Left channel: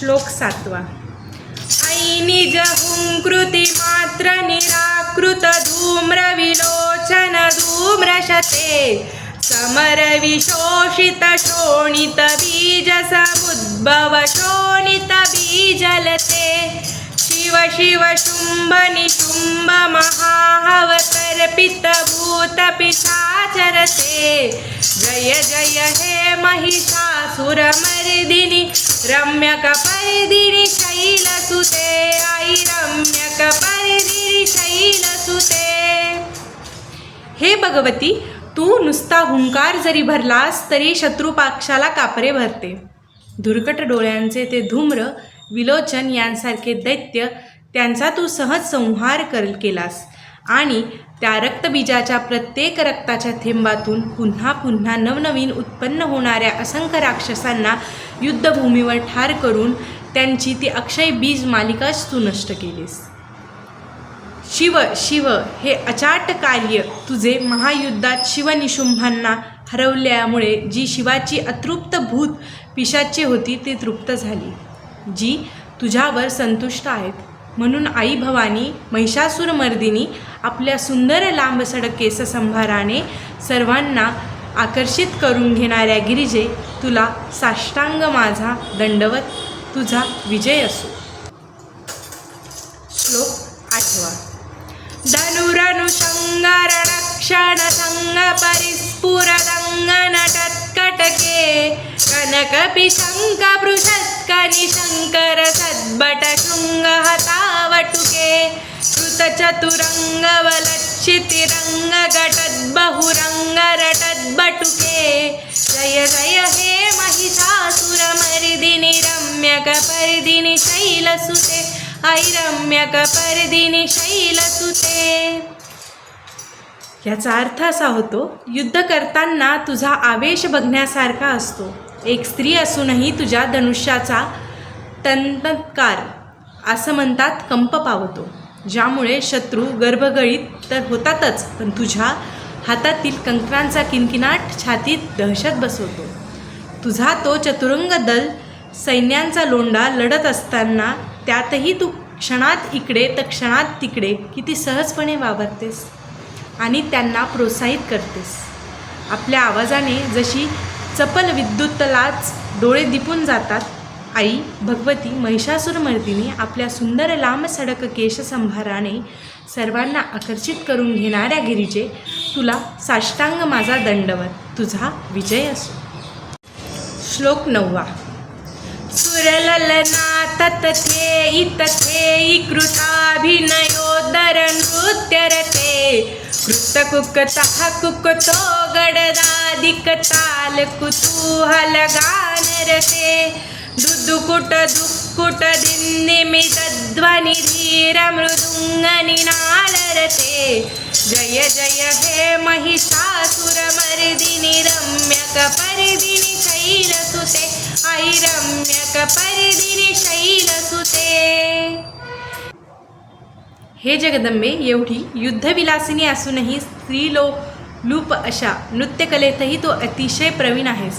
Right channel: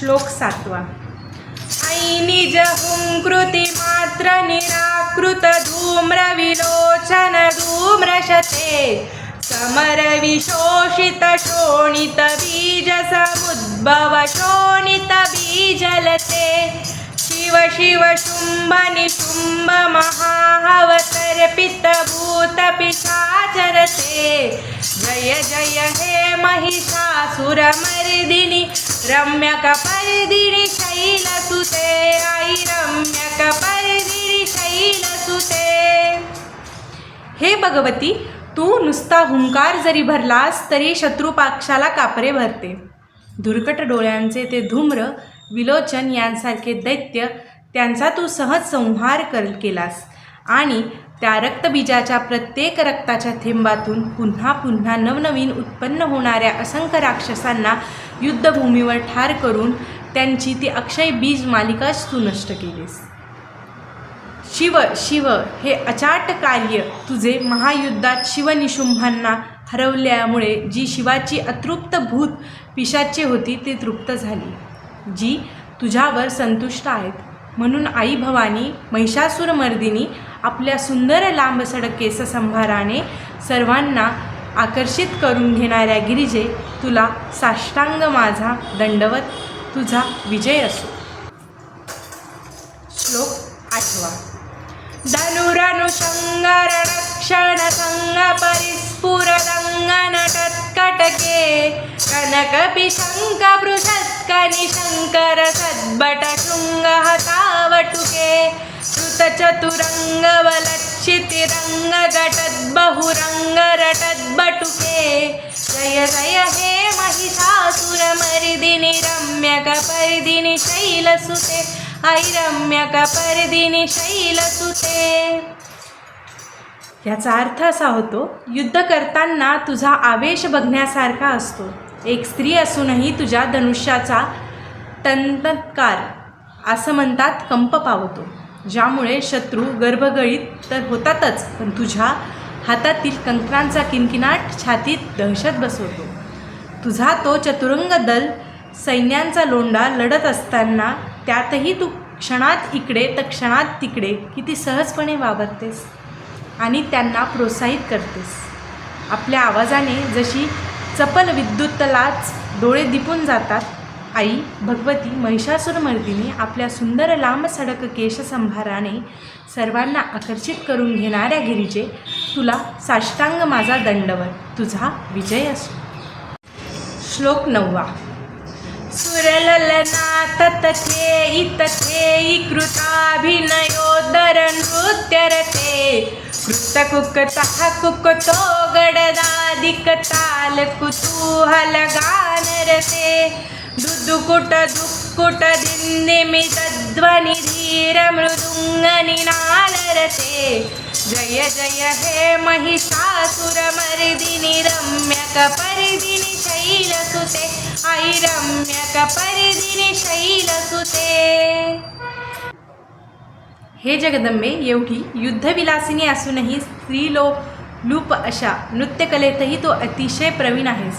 श्लोक सातवा. ऐ निज हुंकृती मात्र निराकृत धूम्र विलोचन धूम्रशते समर विशोषित शोणित बीज समुद्भव शोणित बीजलते शिव शिव शुंभ निशुंभ महाहवतर्पित भूत पिशाचरते जय जय हे महिषासुरमर्दिनि रम्यकपर्दिनि शैलसुते आई శైల शैलसुते हे भगवती तू नुसता हुंकार जरी भरलास तरी शत्रुपाक्षाला कापरे भरते. धुरकट डोळ्यांचे ते धूम्र विलोचन यांसारखे दैत्य त्यांचा तू सहज संहार कर केलास. आणि त्या रक्तबीजाच्या प्रत्येक रक्ताच्या थेंबातून पुन्हा पुन्हा नवनवीन उत्पन्न होणाऱ्या असंख्य राक्षसांना युद्धभूमीवर ठार करून त्यांची ती अक्षय बीज मालिकाच तू नष्ट केलीस. शिव शिव हे अचाट कार्य तुझे महायुद्धात शिवनिशुंभांना हरवल्यामुळे जी शिवाची अतृप्त भूत पिशाचे होती ती तृप्त झाली. जी तुझ्यावर संतुष्ट आहेत. म्हणून आई भवानी महिषासुरमर्दिनी आपल्या सुंदर लांबसडक केससंभाराने सर्वांना आकर्षित करून घेणाऱ्या गिरिजे तुला साष्टांग माझा दंडवत तुझा विजय असो. श्लोक आठवा. धनुरनुसङ्गरणक्षणसङ्ग परिस्फुरङ्गनटत्कटके कनकपिशङ्कपृषत्कनिशङ्करसद्भटशृङ्गहतावटुके कृतचतुरङ्गवलट कनकपिशङ्क पृषत्कनि शङ्कर रटद्बटुके जय जय हे महिषासुरमरिदिनि रम्यकपर्दिनि शैलसुते ऐरम्यकपर्दिनि शैलसुते याचा अर्थ असा होतो युद्ध करताना तुझा आवेश बघण्यासारखा असतो. एक स्त्री असूनही तुझ्या धनुष्याचा तंतकार असं म्हणतात कंप पावतो ज्यामुळे शत्रू गर्भगळीत तर होतातच पण तुझ्या हातातील कंकणांचा किनकिनाट छातीत दहशत बसवतो. तुझा तो चतुरंग दल सैन्यांचा लोंडा लढत असताना त्यातही तू क्षणात इकडे तर क्षणात तिकडे किती सहजपणे वावरतेस आणि त्यांना प्रोत्साहित करतेस. आपल्या आवाजाने जशी चपल विद्युतलाच डोळे दिपून जातात आई भगवती महिषासुरमर्दिनी आपल्या सुंदर लांब सडक केशसंभाराने सर्वांना आकर्षित करून घेणाऱ्या गिरीजे तुला साष्टांग माझा दंडवत. तुझा विजय असो. श्लोक नववा. सुरललनाथ तथे इतथे कृताभिनयोदर नृत्यरते कृतकुकतः कुकतो गडदादिकताल कुतूहल गानरते दुदुकुट दुक्कुट दिन्निमितध्वनि धीर मृदुङ्गनिनालरते जय जय हे महिषासुरमर्दिनि रम्यकपर्दिनि शैलसुते आई रम्यकपर्दिनि शैलसुते हे जगदंबे एवढी युद्धविलासिनी असूनही स्त्रीलोक लूप अशा नृत्यकलेतही तो अतिशय प्रवीण आहेस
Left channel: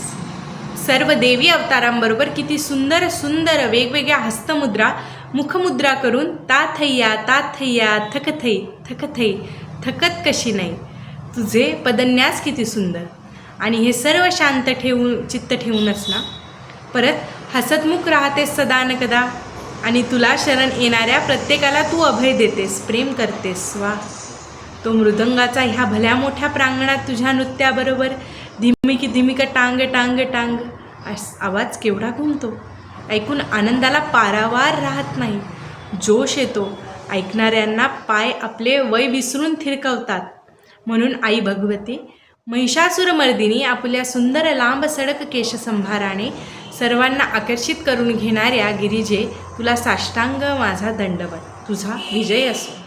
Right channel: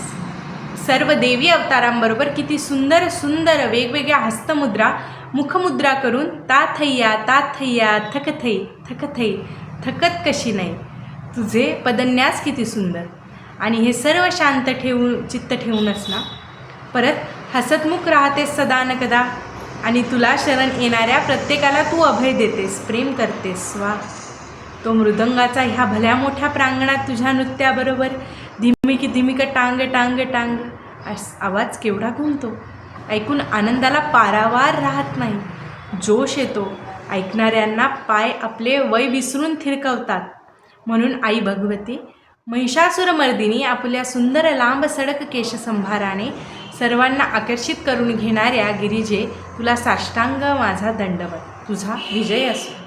सर्व देवी अवतारांबरोबर किती सुंदर सुंदर वेगवेगळ्या हस्तमुद्रा मुखमुद्रा करून ता थैया ता थैया थकथै थकथै थकत कशी नाही. तुझे पदन्यास किती सुंदर. आणि हे सर्व शांत ठेवून चित्त ठेवूनच ना. परत हसतमुख राहतेस सदा न कदा. आणि तुला शरण येणाऱ्या प्रत्येकाला तू अभय देतेस प्रेम करतेस. वा. तो मृदंगाचा ह्या भल्या मोठ्या प्रांगणात तुझ्या नृत्याबरोबर धिमिक धिमिक टांग टांग टांग. अस आवाज केवढा घुमतो ऐकून आनंदाला पारावार राहत नाही. जोश येतो. ऐकणाऱ्यांना पाय आपले वय विसरून थिरकवतात. म्हणून आई भगवती महिषासुरमर्दिनी आपल्या सुंदर लांब सडक केशसंभाराने सर्वांना आकर्षित करून घेणाऱ्या गिरिजे तुला साष्टांग माझा दंडवत. तुझा विजय असो.